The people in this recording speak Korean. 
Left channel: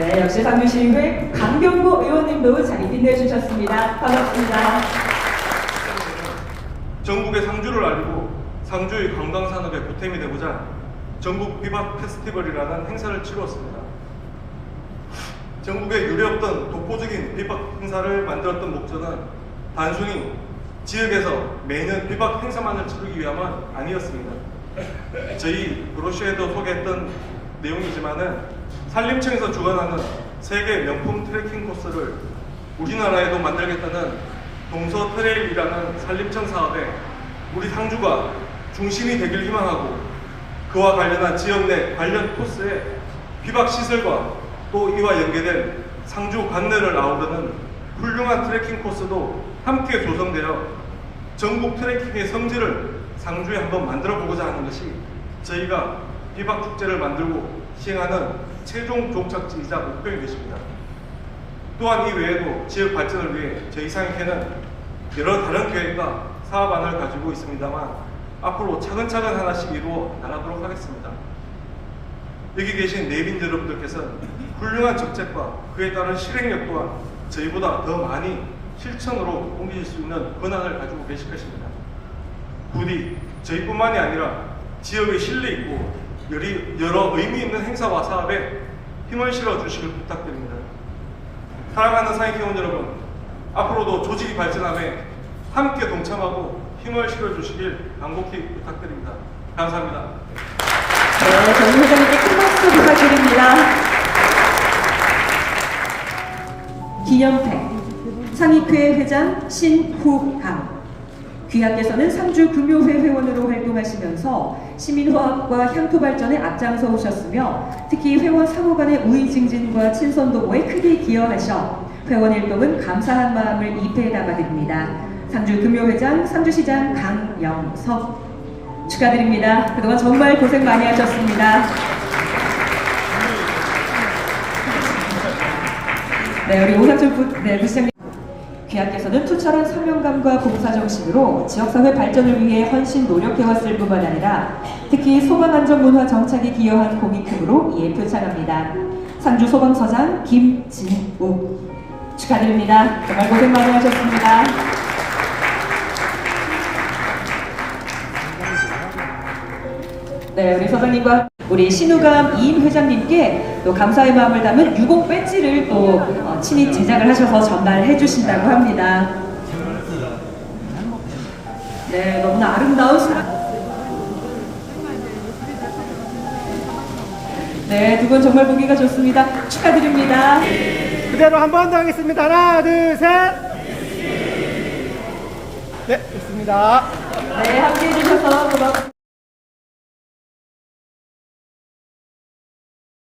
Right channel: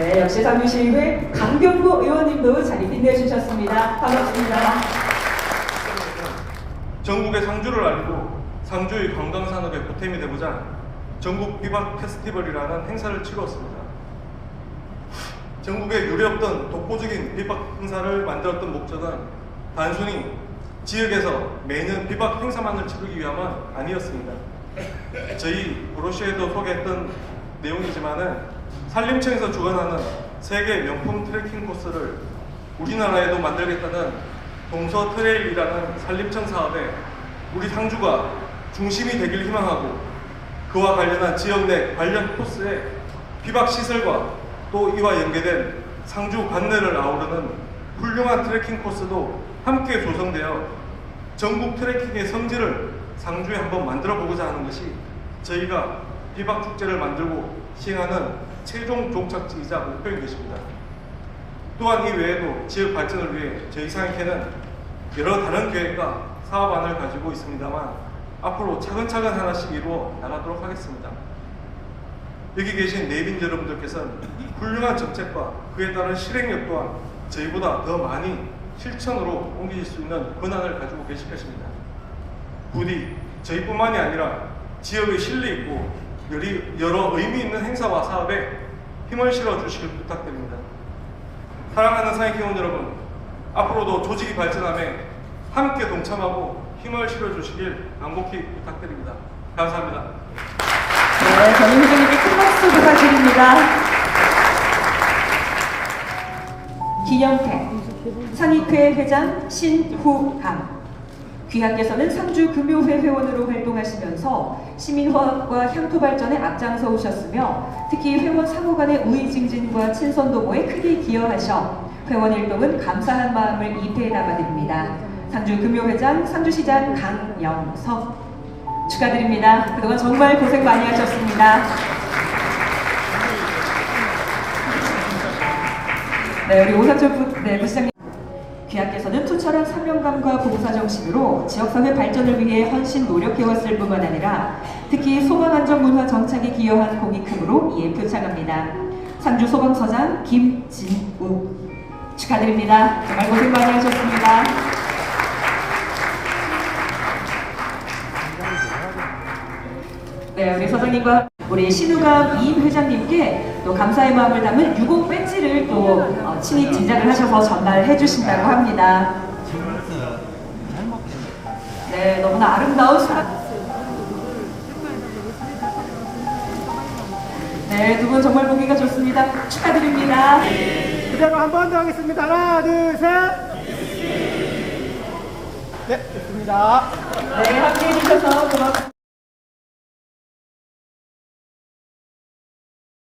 네, 역시 상주시의회 강병구 의원님도 자리 빛내주셨습니다. 반갑습니다. 전국의 상주를 알리고 상주의 관광산업의 보탬이 되고자 전국 비박 페스티벌이라는 행사를 치루었습니다. 전국에 유례없던 독보적인 비박 행사를 만들었던 목적은 단순히 지역에서 매년 비박 행사만을 치르기 위함은 아니었습니다. 저희 브로시에도 소개했던 내용이지만은 산림청에서 주관하는 세계 명품 트레킹 코스를 우리나라에도 만들겠다는 동서 트레일이라는 산림청 사업에 우리 상주가 중심이 되길 희망하고 그와 관련한 지역 내 관련 코스에 비박 시설과 또 이와 연계된 상주 관내를 아우르는 훌륭한 트레킹 코스도 함께 조성되어 전국 트레킹의 성지를 상주에 한번 만들어 보고자 하는 것이 저희가 비박 축제를 만들고 시행하는 최종 종착지이자 목표인 것입니다. 또한 이 외에도 지역 발전을 위해 저희 상익회는 여러 다른 계획과 사업안을 가지고 있습니다만 앞으로 차근차근 하나씩 이루어 나가도록 하겠습니다. 여기 계신 내빈 여러분들께서는 훌륭한 정책과 그에 따른 실행력 또한 저희보다 더 많이 실천으로 옮기실 수 있는 권한을 가지고 계실 것입니다. 부디 저희뿐만이 아니라 지역의 신뢰 있고 여러 의미 있는 행사와 사업에 힘을 실어 주시길 부탁드립니다. 사랑하는 사회기원 여러분, 앞으로도 조직이 발전함에 함께 동참하고 힘을 실어 주시길 간곡히 부탁드립니다. 감사합니다. 네, 회장님께 큰 박수 부탁드립니다. 기념회 상익회 회장 신후방 귀하께서는 상주 금요회 회원으로 시민화합과 향토 발전에 앞장서 오셨으며 특히 회원 상호 간의 우위 증진과 친선 도모에 크게 기여하셔 회원 일동은 감사한 마음을 입회에 담아드립니다. 상주 금요회장 상주시장 강영석 축하드립니다. 그동안 정말 고생 많이 하셨습니다. 네, 우리 오상철 부, 네, 부시장님. 귀하께서는 투철한 사명감과 봉사정신으로 지역사회 발전을 위해 헌신 노력해왔을 뿐만 아니라 특히 소방안전문화 정착에 기여한 공이 크므로 이에 표창합니다. 상주 소방서장 김진우 축하드립니다. 정말 고생 많이 하셨습니다. 네, 우리 서장님과 우리 신우감 이임 회장님께 또 감사의 마음을 담은 유공 배지를 또 어, 친히 제작을 하셔서 전달해 주신다고 합니다. 네, 너무나 아름다운 사... 네, 두 분 정말 보기가 좋습니다. 축하드립니다. 그대로 한 번 더 하겠습니다. 하나, 둘, 셋. 네, 됐습니다. 네, 함께 해주셔서